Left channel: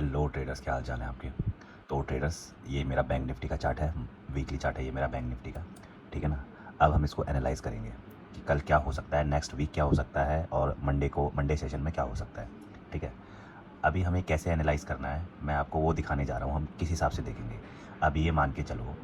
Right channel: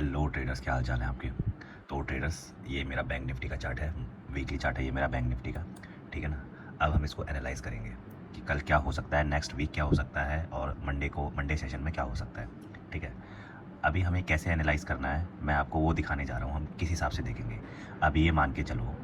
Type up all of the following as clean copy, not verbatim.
Hello traders, क्या हाल चाल है आपके। तो ट्रेडर्स, ये मेरा बैंक निफ्टी का चार्ट है, वीकली चार्ट है ये मेरा बैंक निफ्टी का। ठीक है ना। अब हम इसको एनालाइज़ करेंगे कि कल क्या हो सकता है, नेक्स्ट वीक क्या हो सकता है, और मंडे सेशन में क्या हो सकता है। ठीक है। अभी हमें कैसे एनालाइज़ करना है मैं आपको वो दिखाने जा रहा हूँ, हम किस हिसाब से देखेंगे। अभी ये मान के चलो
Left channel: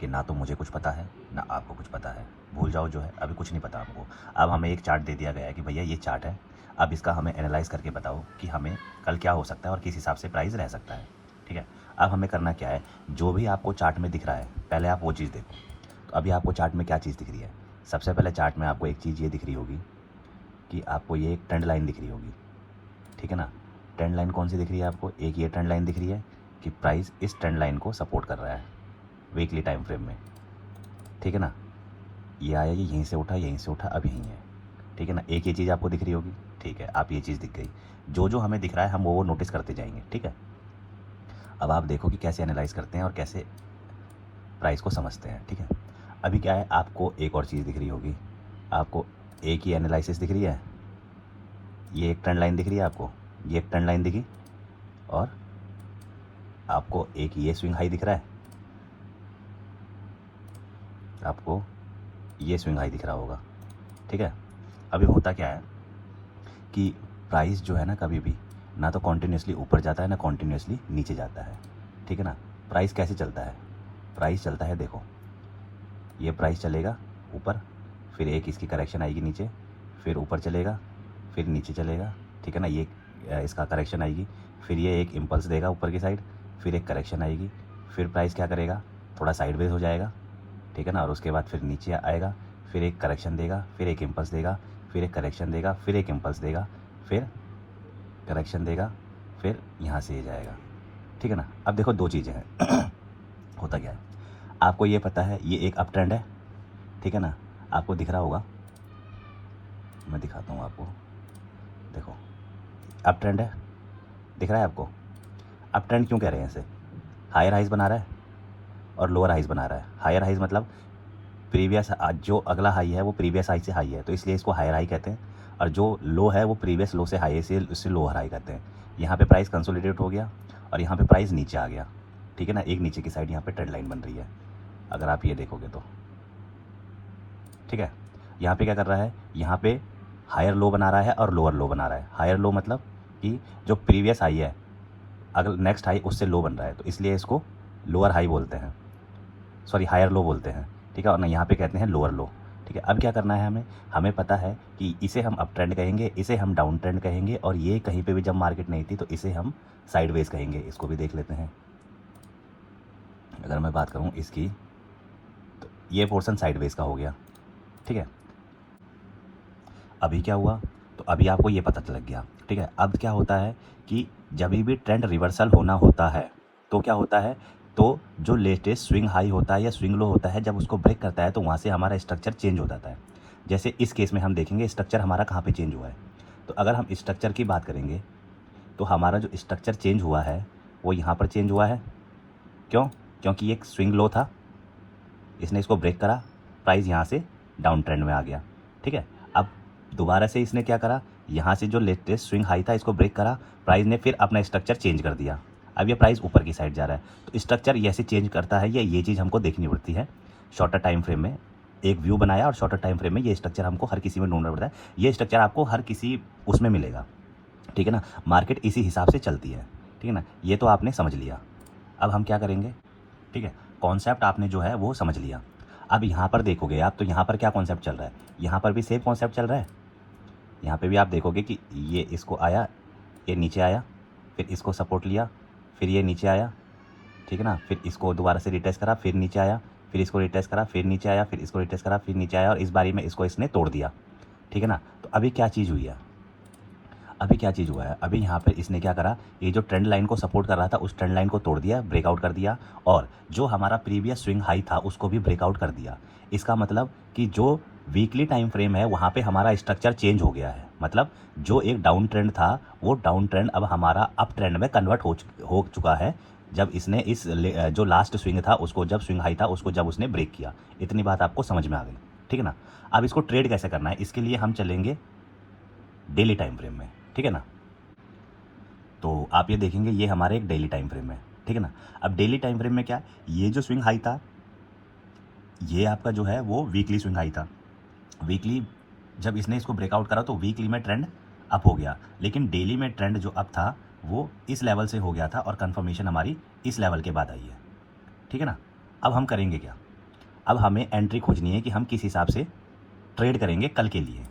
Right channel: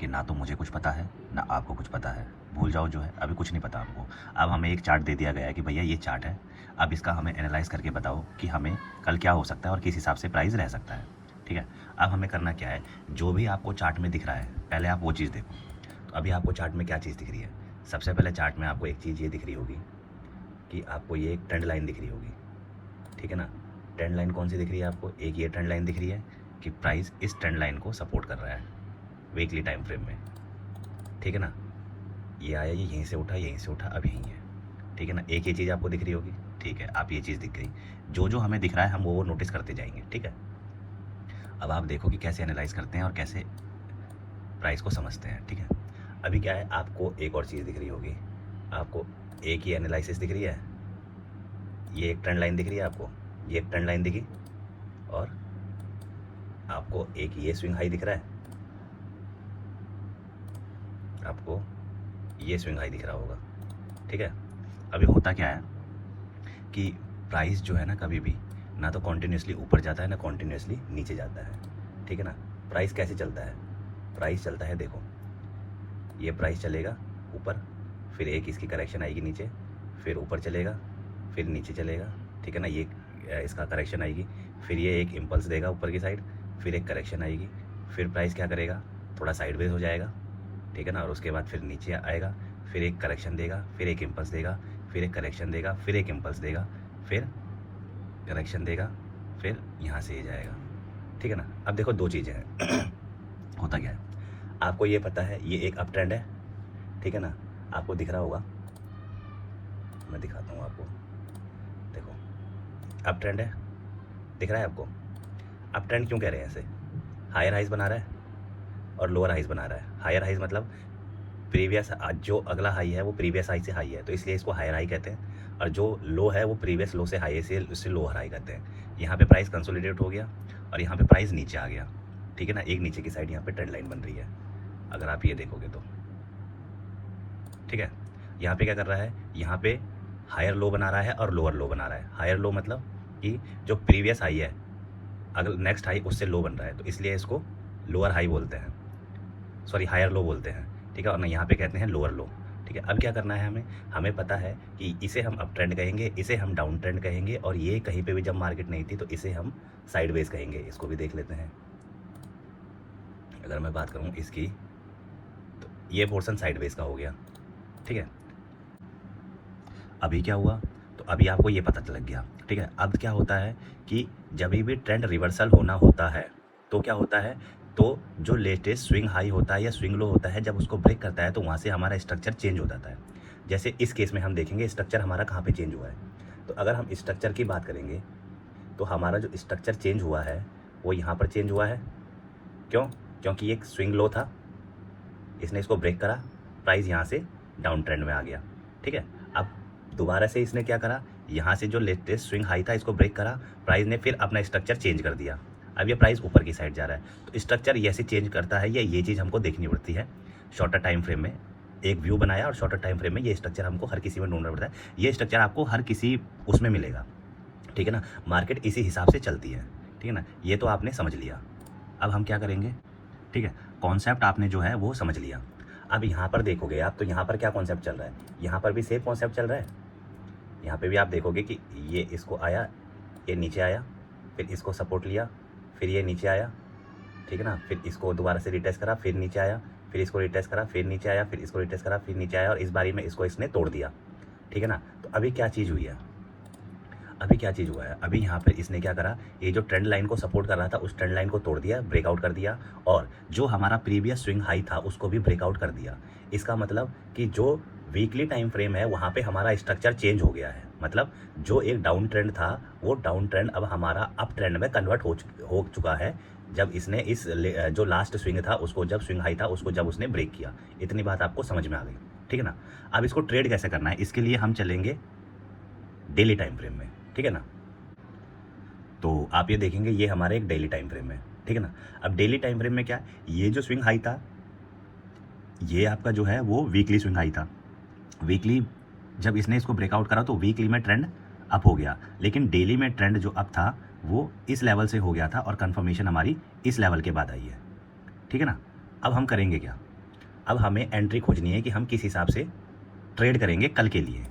कि ना तो मुझे कुछ पता है ना आपको कुछ पता है, भूल जाओ जो है, अभी कुछ नहीं पता हमको। अब हमें एक चार्ट दे दिया गया है कि भैया ये चार्ट है, अब इसका हमें एनालाइज़ करके बताओ कि हमें कल क्या हो सकता है और किस हिसाब से प्राइस रह सकता है। ठीक है। अब हमें करना क्या है, जो भी आपको चार्ट में दिख रहा है पहले आप वो चीज़ देखो। तो अभी आपको चार्ट में क्या चीज़ दिख रही है, सबसे पहले चार्ट में आपको एक चीज़ ये दिख रही होगी कि आपको ये एक ट्रेंड लाइन दिख रही होगी। ठीक है ना। ट्रेंड लाइन कौन सी दिख रही है आपको, एक ये ट्रेंड लाइन दिख रही है कि प्राइस इस ट्रेंड लाइन को सपोर्ट कर रहा है वीकली टाइम फ्रेम में। ठीक है ना। ये आया, ये यहीं से उठा, यहीं से उठा, अब यहीं है। ठीक है ना। एक ये चीज़ आपको दिख रही होगी। ठीक है, आप ये चीज़ दिख गई। जो जो हमें दिख रहा है हम वो नोटिस करते जाएंगे। ठीक है। अब आप देखो कि कैसे एनालाइज करते हैं और कैसे प्राइस को समझते हैं। ठीक है। अभी क्या है, आपको एक और चीज़ दिख रही होगी, आपको एक ही एनालिसिस दिख रही है, ये एक ट्रेंड लाइन दिख रही है आपको, ये एक ट्रेंड लाइन दिखी, और आपको एक ये स्विंग हाई दिख रहा है, आपको ये स्विंग हाई दिख रहा होगा। ठीक है। अभी होता क्या है कि प्राइस जो है ना, कभी भी ना तो कॉन्टीन्यूसली ऊपर जाता है ना कॉन्टीन्यूसली नीचे जाता है। ठीक है ना। प्राइस कैसे चलता है, प्राइस चलता है, देखो ये प्राइस चलेगा ऊपर, फिर एक इसकी करेक्शन आएगी नीचे, फिर ऊपर चलेगा, फिर नीचे चलेगा। ठीक है ना। ये इसका करेक्शन आएगी, फिर ये एक इम्पल्स देगा ऊपर की साइड, फिर एक करेक्शन आएगी, फिर प्राइस क्या करेगा, थोड़ा साइडवेज हो जाएगा। ठीक है ना। और उसके बाद फिर नीचे आएगा, फिर एक करेक्शन देगा, फिर एक इम्पल्स देगा, फिर एक करेक्शन देगा, फिर एक इम्पल्स देगा, फिर करेक्शन देगा, फिर यहाँ से ये जाएगा। ठीक है ना। अब देखो दो चीज़ें हैं होता क्या है, आपको ये पता है ये एक अप ट्रेंड है। ठीक है ना। आपको दिख रहा होगा, मैं दिखाता हूँ आपको, देखो अप ट्रेंड है, दिख रहा है आपको। अप ट्रेंड क्यों कह रहे हैं ऐसे, हायर हाइज बना रहा है और लोअर हाइज बना रहा है। हायर हाइज मतलब प्रीवियस, जो अगला हाई है वो प्रीवियस हाई से हाई है, तो इसलिए इसको हायर हाई कहते हैं। और जो लो है वो प्रीवियस लो से हाई है, इसलिए उससे लोअर हाई कहते हैं। यहाँ पे प्राइस कंसोलिडेट हो गया और यहाँ पे प्राइस नीचे आ गया। ठीक है ना। एक नीचे की साइड यहाँ पे ट्रेंड लाइन बन रही है, अगर आप ये देखोगे तो। ठीक है। यहाँ पे क्या कर रहा है, यहाँ पे हायर लो बना रहा है और लोअर लो बना रहा है। हायर लो मतलब कि जो प्रीवियस हाई है, अगर नेक्स्ट हाई उससे लो बन रहा है, तो इसलिए इसको लोअर हाई बोलते हैं, सॉरी हायर लो बोलते हैं। ठीक है। और ना यहाँ पे कहते हैं लोअर लो। ठीक है। अब क्या करना है हमें, हमें पता है कि इसे हम अप ट्रेंड कहेंगे, इसे हम डाउन ट्रेंड कहेंगे, और ये कहीं पे भी जब मार्केट नहीं थी तो इसे हम साइडवेज कहेंगे। इसको भी देख लेते हैं। अगर मैं बात करूँ इसकी, तो ये पोर्शन साइडवेज का हो गया। ठीक है। अभी क्या हुआ, तो अभी आपको ये पता लग गया। ठीक है। अब क्या होता है कि जब भी ट्रेंड रिवर्सल होना होता है तो क्या होता है, तो जो लेटेस्ट स्विंग हाई होता है या स्विंग लो होता है, जब उसको ब्रेक करता है तो वहाँ से हमारा स्ट्रक्चर चेंज हो जाता है। जैसे इस केस में हम देखेंगे स्ट्रक्चर हमारा कहाँ पे चेंज हुआ है। तो अगर हम स्ट्रक्चर की बात करेंगे तो हमारा जो स्ट्रक्चर चेंज हुआ है वो यहाँ पर चेंज हुआ है। क्यों, क्योंकि एक स्विंग लो था, इसने इसको ब्रेक करा, प्राइस यहाँ से डाउन ट्रेंड में आ गया। ठीक है। अब दोबारा से इसने क्या करा, यहाँ से जो लेटेस्ट स्विंग हाई था इसको ब्रेक करा, प्राइस ने फिर अपना स्ट्रक्चर चेंज कर दिया। अब ये प्राइस ऊपर की साइड जा रहा है, तो स्ट्रक्चर ऐसे चेंज करता है, ये चीज़ हमको देखनी पड़ती है शॉर्टर टाइम फ्रेम में। एक व्यू बनाया और शॉर्टर टाइम फ्रेम में ये स्ट्रक्चर हमको हर किसी में ढूंढना पड़ता है। ये स्ट्रक्चर आपको हर किसी उसमें मिलेगा। ठीक है ना। मार्केट इसी हिसाब से चलती है। ठीक है ना। ये तो आपने समझ लिया। अब हम क्या करेंगे, ठीक है, कॉन्सेप्ट आपने जो है वो समझ लिया। अब यहाँ पर देखोगे आप, तो यहाँ पर क्या कॉन्सेप्ट चल रहा है, यहाँ पर भी सेम कॉन्सेप्ट चल रहा है। यहाँ पे भी आप देखोगे कि ये इसको आया, ये नीचे आया, फिर इसको सपोर्ट लिया, फिर ये नीचे आया। ठीक है ना। फिर इसको दोबारा से रिटेस्ट करा, फिर नीचे आया, फिर इसको रिटेस्ट करा, फिर नीचे आया, फिर इसको रिटेस्ट करा, फिर नीचे आया, और इस बारी में इसको इसने तोड़ दिया। ठीक है ना। तो अभी क्या चीज़ हुई है, अभी क्या चीज़ हुआ है, अभी यहाँ पे इसने क्या करा, ये जो ट्रेंड लाइन को सपोर्ट कर रहा था उस ट्रेंड लाइन को तोड़ दिया, ब्रेकआउट कर दिया, और जो हमारा प्रीवियस स्विंग हाई था उसको भी ब्रेकआउट कर दिया। इसका मतलब कि जो वीकली टाइम फ्रेम है वहाँ पे हमारा स्ट्रक्चर चेंज हो गया है। मतलब जो एक डाउन ट्रेंड था वो डाउन ट्रेंड अब हमारा अप ट्रेंड में कन्वर्ट हो चुका है, जब इसने इस जो लास्ट स्विंग था उसको, जब स्विंग हाई था उसको जब उसने ब्रेक किया। इतनी बात आपको समझ में आ गई। ठीक है ना। अब इसको ट्रेड कैसे करना है, इसके लिए हम चलेंगे डेली टाइम फ्रेम में। ठीक है ना। तो आप ये देखेंगे ये हमारे एक डेली टाइम फ्रेम है, ठीक है ना। अब डेली टाइम फ्रेम में क्या है, ये जो स्विंग हाई था ये आपका जो है वो वीकली स्विंग हाई था। वीकली जब इसने इसको ब्रेकआउट करा तो वीकली में ट्रेंड अप हो गया, लेकिन डेली में ट्रेंड जो अप था वो इस लेवल से हो गया था और कंफर्मेशन हमारी इस लेवल के बाद आई है, ठीक है ना। अब हम करेंगे क्या, अब हमें एंट्री खोजनी है कि हम किस हिसाब से ट्रेड करेंगे कल के लिए।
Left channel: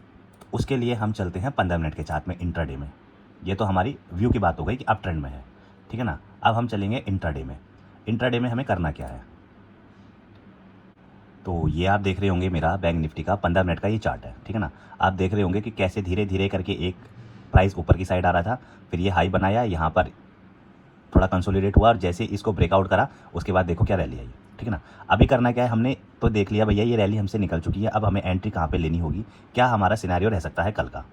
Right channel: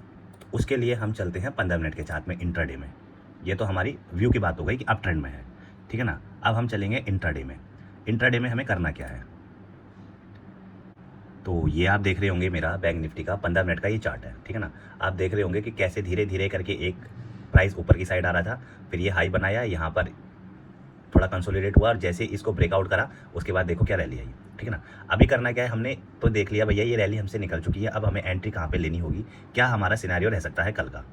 उसके लिए हम चलते हैं 15 मिनट के चार्ट में, इंट्राडे में। ये तो हमारी व्यू की बात हो गई कि अप ट्रेंड में है, ठीक है ना। अब हम चलेंगे इंट्राडे में। इंट्राडे में हमें करना क्या है, तो ये आप देख रहे होंगे मेरा बैंक निफ्टी का 15 मिनट का ये चार्ट है, ठीक है ना। आप देख रहे होंगे कि कैसे धीरे धीरे करके एक प्राइस ऊपर की साइड आ रहा था, फिर ये हाई बनाया, यहाँ पर थोड़ा कंसोलिडेट हुआ और जैसे इसको ब्रेकआउट करा उसके बाद देखो क्या रैली आई, ठीक है ना। अभी करना क्या है, हमने तो देख लिया भैया ये रैली हमसे निकल चुकी है, अब हमें एंट्री कहाँ पे लेनी होगी, क्या हमारा सिनेरियो रह सकता है कल का,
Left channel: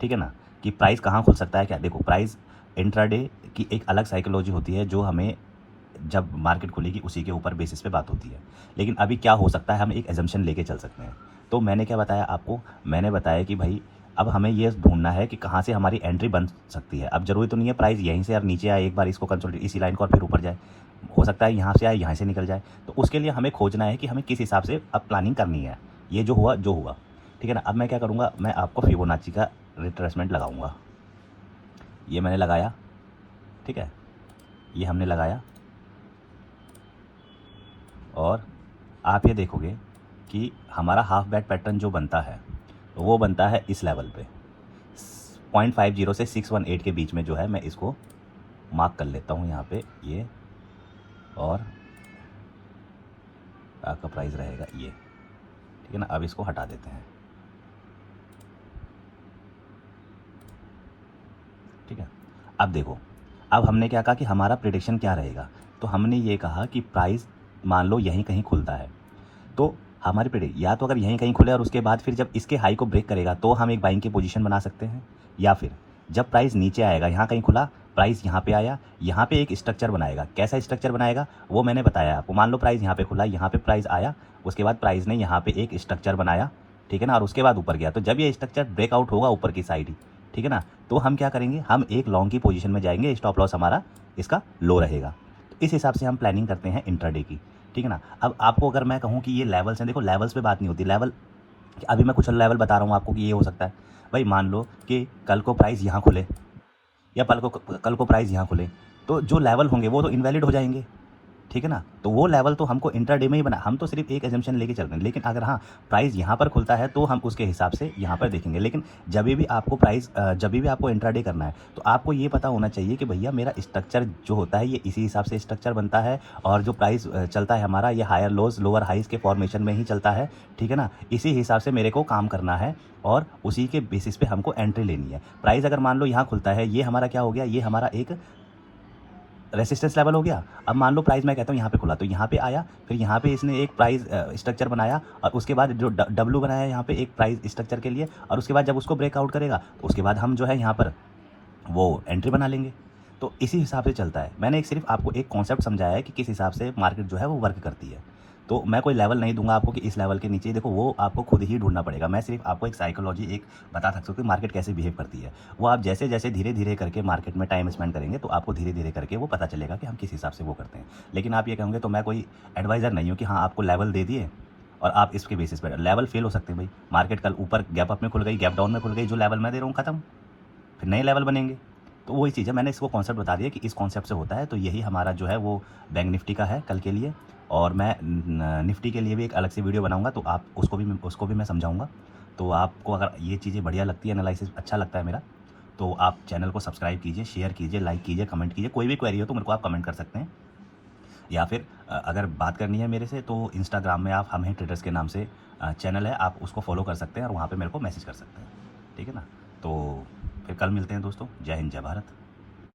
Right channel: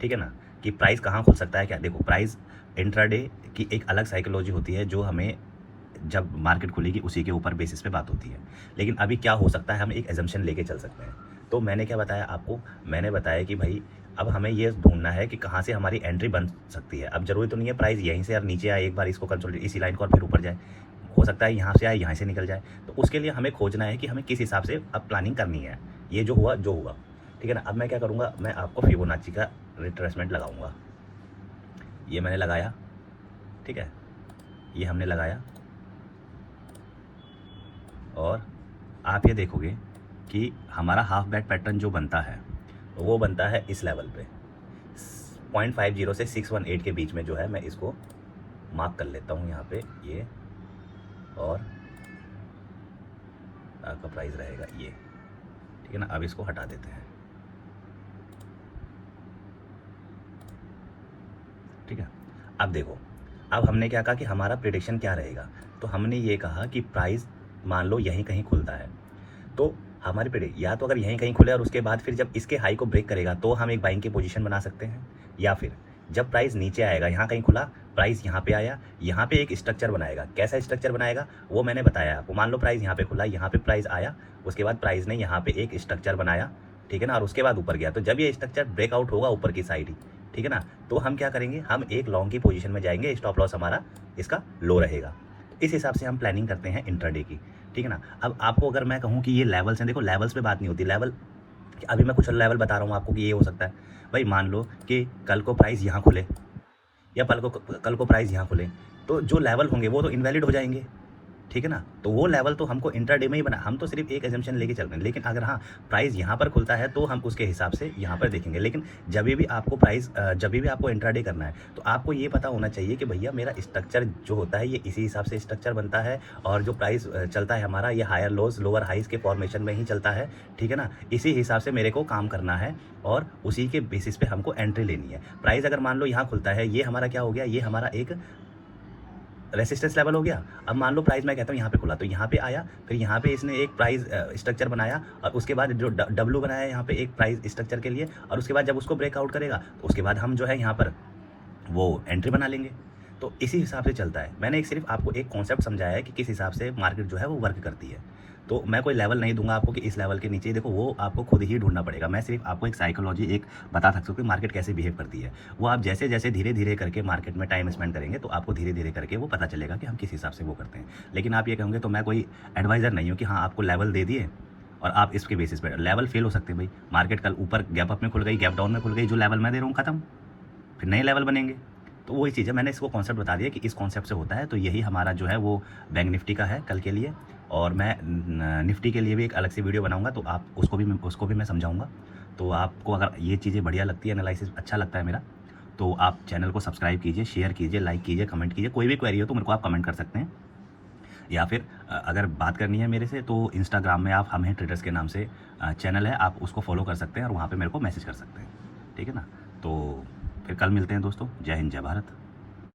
ठीक है ना, कि प्राइस कहाँ खुल सकता है क्या। देखो प्राइस इंट्राडे की एक अलग साइकोलॉजी होती है जो हमें जब मार्केट खुलेगी उसी के ऊपर बेसिस पे बात होती है, लेकिन अभी क्या हो सकता है हम एक एजम्पशन लेके चल सकते हैं। तो मैंने क्या बताया आपको, मैंने बताया कि भाई अब हमें ये ढूंढना है कि कहाँ से हमारी एंट्री बन सकती है। अब जरूरी तो नहीं है प्राइस यहीं से यार नीचे आए, एक बार इसको कंसोलिडेट इसी लाइन को और फिर ऊपर जाए, हो सकता है यहाँ से आए यहाँ से निकल जाए। तो उसके लिए हमें खोजना है कि हमें किस हिसाब से अब प्लानिंग करनी है। ये जो हुआ जो हुआ, ठीक है ना। अब मैं क्या करूँगा, मैं आपको फिबोनाची का रिट्रेसमेंट लगाऊंगा। ये मैंने लगाया, ठीक है, ये हमने लगाया और आप ये देखोगे कि हमारा हाफ बैक पैटर्न जो बनता है वो बनता है इस लेवल पे 0.50 से 618 के बीच में जो है। मैं इसको मार्क कर लेता हूँ यहाँ पे ये, और आपका प्राइस रहेगा ये, ठीक है ना। अब इसको हटा देते हैं, ठीक है। अब देखो, अब हमने क्या कहा कि हमारा प्रेडिक्शन क्या रहेगा, तो हमने ये कहा कि प्राइस मान लो यहीं कहीं खुलता है, तो हमारी प्रेडिक्ट या तो अगर यहीं कहीं खुले और उसके बाद फिर जब इसके हाई को ब्रेक करेगा तो हम एक बाइंग की पोजीशन बना सकते हैं, या फिर जब प्राइस नीचे आएगा यहाँ कहीं खुला, प्राइस यहाँ पे आया, यहाँ पे एक स्ट्रक्चर बनाएगा। कैसा स्ट्रक्चर बनाएगा वो मैंने बताया आपको। मान लो प्राइस यहाँ पे खुला, यहाँ पे प्राइस आया, उसके बाद प्राइस ने यहाँ पे एक स्ट्रक्चर बनाया, ठीक है ना, और उसके बाद ऊपर गया। तो जब ये स्ट्रक्चर ब्रेकआउट होगा ऊपर की साइड ही, ठीक है ना, तो हम क्या करेंगे, हम एक लॉन्ग की पोजीशन में जाएंगे, स्टॉप लॉस हमारा इसका लो रहेगा। इस हिसाब से हम प्लानिंग करते हैं इंट्राडे की, ठीक है ना। अब आपको अगर मैं कहूँ कि ये लेवल्स हैं, देखो लेवल्स पे बात नहीं होती। लेवल अभी मैं कुछ लेवल बता रहा हूँ आपको कि ये हो सकता है। भाई मान लो कि कल को प्राइस यहाँ खुले या कल को प्राइस यहाँ खुले, तो जो लेवल होंगे वो तो इनवैलिड हो जाएंगे, ठीक है ना। तो वो लेवल तो हमको इंट्राडे में ही बना, हम तो सिर्फ एक एजम्पशन लेके चल रहे हैं। लेकिन अगर हाँ प्राइस यहाँ पर खुलता है तो हम उसके हिसाब से यहाँ पर देखेंगे। लेकिन जब भी आपको जब भी आपको इंट्राडे करना है तो आपको ये पता होना चाहिए कि भैया मेरा स्ट्रक्चर जो होता है ये इसी हिसाब से स्ट्रक्चर बनता है, और जो प्राइस चलता है हमारा ये हायर लोज लोअर हाइज के फॉर्मेशन में ही चलता है, ठीक है ना। इसी हिसाब से मेरे को काम करना है और उसी के बेसिस पे हमको एंट्री लेनी है। प्राइस अगर मान लो यहाँ खुलता है, ये हमारा क्या हो गया, ये हमारा एक रेसिस्टेंस लेवल हो गया। अब मान लो प्राइस मैं कहता हूँ यहाँ पे खुला, तो यहाँ पे आया, फिर यहाँ पे इसने एक प्राइस स्ट्रक्चर बनाया, और उसके बाद जो डब्ल्यू बनाया यहाँ पे एक प्राइस स्ट्रक्चर के लिए, और उसके बाद जब उसको ब्रेकआउट करेगा तो उसके बाद हम जो है यहाँ पर वो एंट्री बना लेंगे। तो इसी हिसाब से चलता है। मैंने एक सिर्फ आपको एक कॉन्सेप्ट समझाया है कि किस हिसाब से मार्केट जो है वो वर्क करती है। तो मैं कोई लेवल नहीं दूंगा आपको कि इस लेवल के नीचे देखो, वो आपको खुद ही ढूंढना पड़ेगा। मैं सिर्फ आपको एक साइकोलॉजी एक बता सकता हूँ कि मार्केट कैसे बिहेव करती है। वो आप जैसे जैसे धीरे धीरे करके मार्केट में टाइम स्पेंड करेंगे तो आपको धीरे धीरे करके वो पता चलेगा कि हम किस हिसाब से वो करते हैं। लेकिन आप ये कहोगे तो मैं कोई एडवाइज़र नहीं हूँ कि हाँ आपको लेवल दे दिए और आप इसके बेसिस पर लेवल फेल हो सकते हैं। भाई मार्केट कल ऊपर गैप अप में खुल गई, गैप डाउन में खुल गई, जो लेवल मैं दे रहा हूँ खत्म, फिर नए लेवल बनेंगे। तो वही चीज़ है, मैंने इसको कॉन्सेप्ट बता दिया कि इस कॉन्सेप्ट से होता है। तो यही हमारा जो है वो बैंक निफ्टी का है कल के लिए, और मैं निफ्टी के लिए भी एक अलग से वीडियो बनाऊंगा, तो आप उसको भी मैं समझाऊंगा। तो आपको अगर ये चीज़ें बढ़िया लगती है, एनालिसिस अच्छा लगता है मेरा, तो आप चैनल को सब्सक्राइब कीजिए, शेयर कीजिए, लाइक कीजिए, कमेंट कीजिए। कोई भी क्वेरी हो तो मेरे को आप कमेंट कर सकते हैं, या फिर अगर बात करनी है मेरे से तो इंस्टाग्राम में आप हम हैं ट्रेडर्स के नाम से चैनल है, आप उसको फॉलो कर सकते हैं और वहाँ पर मेरे को मैसेज कर सकते हैं, ठीक है ना। तो फिर कल मिलते हैं दोस्तों। जय हिंद, जय भारत।